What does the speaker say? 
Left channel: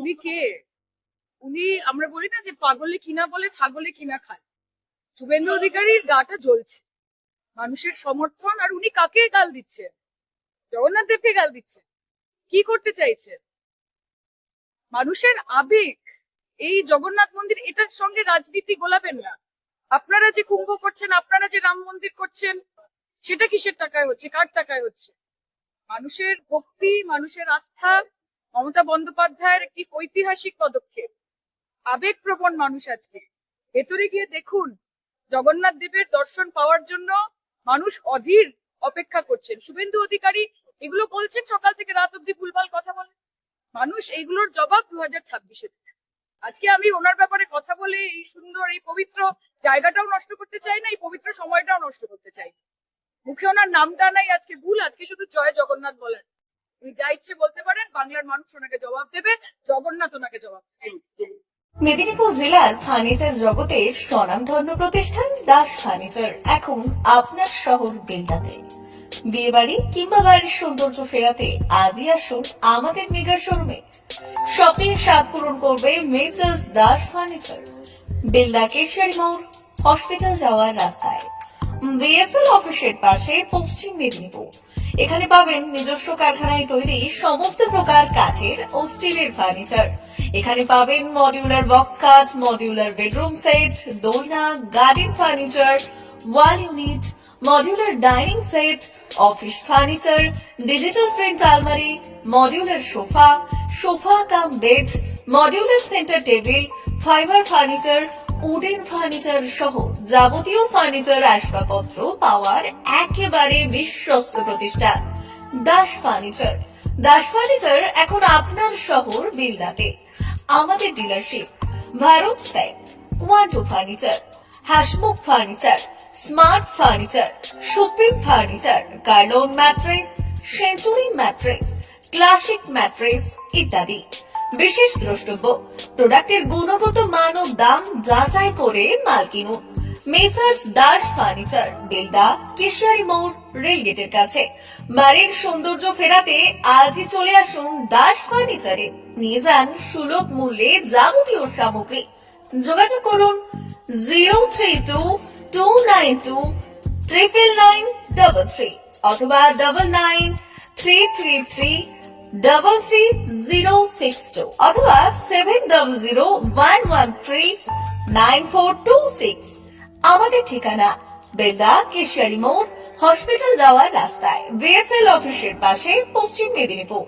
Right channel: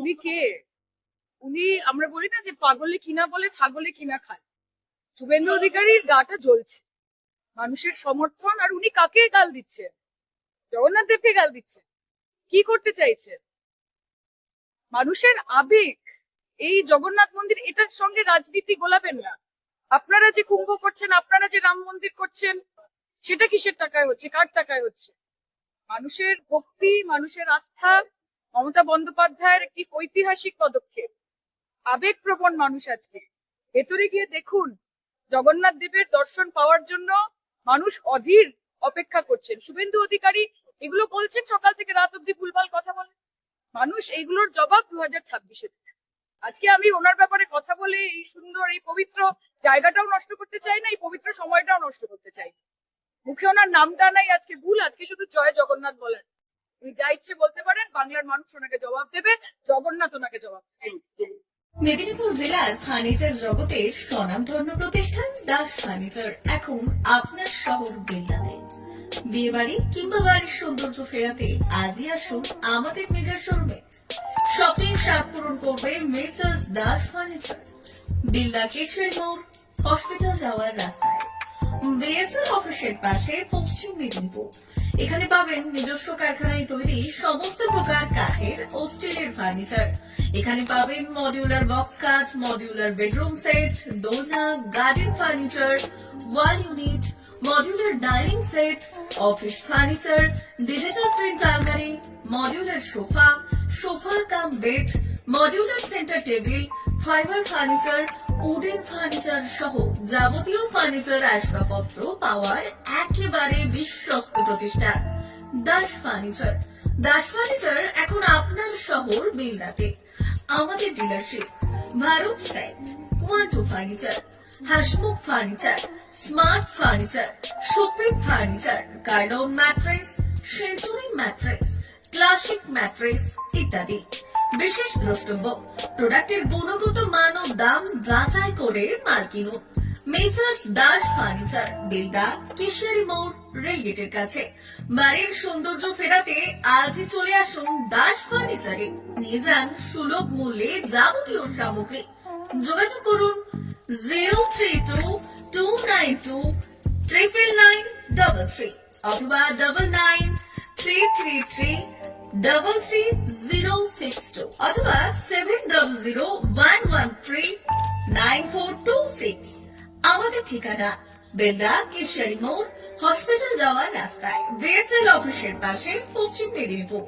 উনি কে? উনি আমরা বলি না যে পাগলে কিনা বলে ছাগলে কিনা খায়। শুভেন্দু অধিকারীর গাটা জ্বলছে মানুষের সমর্থন, আর উনি কাকে গাল দিচ্ছেন? জগন্নাথ দেবকে গাল দিচ্ছেন। কি করতে চাইছেন? মানুষের আবেগ এই জগন্নাথ মন্দির, এটার সঙ্গে রাজনীতি গোলাবেন না। আপনারা যে কুম্ভ করছেন, আপনারা যে রাম মন্দির করছেন, সেটা কিসের টাকায় হচ্ছে, কার টাকায় হচ্ছে? মানুষের ভক্তি, মানুষের আস্থা, মমতা বন্দ্যোপাধ্যায়ের একটি ঐতিহাসিক পদক্ষেপ। আবেগপ্রবণ মানুষ আজকে। ভেতরে গিয়ে দেখুন, জগন্নাথ দেবের দর্শন পাওয়ার জন্য মানুষ অধীর অপেক্ষা করছেন। শুভেন্দু অধিকারী এগুলো বলছেন, সকাল থেকে রাত অব্দি ভুলভাল কথা বলে। মানুষ এইগুলোর জবাব 2026-এ দেবে। আজকে আমি ওনার ব্যাপারে কথা বলে এই সুন্দর এই পবিত্র জায়গাটাও নষ্ট করতে চাই না, এই পবিত্র সময়টাও নষ্ট করতে চাই না। মুখে ওনার নামটা নাই, আজকে ভুল, আজকে শুধু জয় জগন্নাথ বলেন। উনি যা ইচ্ছে বলতে পারেন, বাংলার মানুষ ওনাকে জবাব দেবে, জগন্নাথ ওনাকে জবাব দেবে। মেদিনীপুর জেলার ফার্নিচার জগতের স্বনামধন্য প্রতিষ্ঠান দাস ফার্নিচার এখন আপনার শহর বেলদাতে। বিয়ে বাড়ি কিংবা বাড়ির সৌন্দর্য ফেরাতে আজই আসুন আমাদের মেগা শোরুমে। স্বপ্নের স্বাদ পূরণ করবে মেসার্স দাস ফার্নিচার, বেলদা কেশরী মোড়, হসপিটাল যাওয়ার রাস্তায়, বিএসএল অফিসের পাশে, পশ্চিম মেদিনীপুর। এখানে পাবেন নিজস্ব কারখানায় তৈরি সমস্ত প্রকার কাঠের ও স্টিলের ফার্নিচার। এখানে পাবেন মডিউলার বক্স কাট, মডিউলার বেডরুম সেট, দোলনা, garden furniture, wall unit, modular dining set, office furniture, digital print আলমারি, modular sofa, sofa cum bed, modular centre table, fibre furniture, wooden furniture সহ যাবতীয় ফার্নিচার আসবাবপত্র পাওয়ার একেবারে বিশ্বস্ত প্রতিষ্ঠান দাস ফার্নিচার। দাস ফার্নিচার এখন আপনার শহর বেলদাতে। আমাদের dealership Bharat side, Quanto furniture, Hasmukh furniture, smart furniture, supreme furniture, Kurlon mattress, century mattress, classic mattress ইত্যাদি। বিশেষ দ্রষ্টব্য, প্রোডাক্টের গুণগত মান ও দাম যাচাই করে মাল কিনুন। মেসার্স দাস ফার্নিচার, বেলদা কেশিয়ারি মোড়, রেলগেটের কাছে। বাড়ির সৌন্দর্য ফেরাতে আজই চলে আসুন দাস ফার্নিচারে। নিয়ে যান সুলভ মূল্যে যাবতীয় সামগ্রী। যোগাযোগ করুন 03229299933 অথবা 9933333062 অথবা 7001139426। আমাদের ঠিকানা বেলদা কেশিয়ারি মোড়, হসপিটাল যাওয়ার রাস্তায়, বিএসএল অফিসের পাশে, পশ্চিম মেদিনীপুর।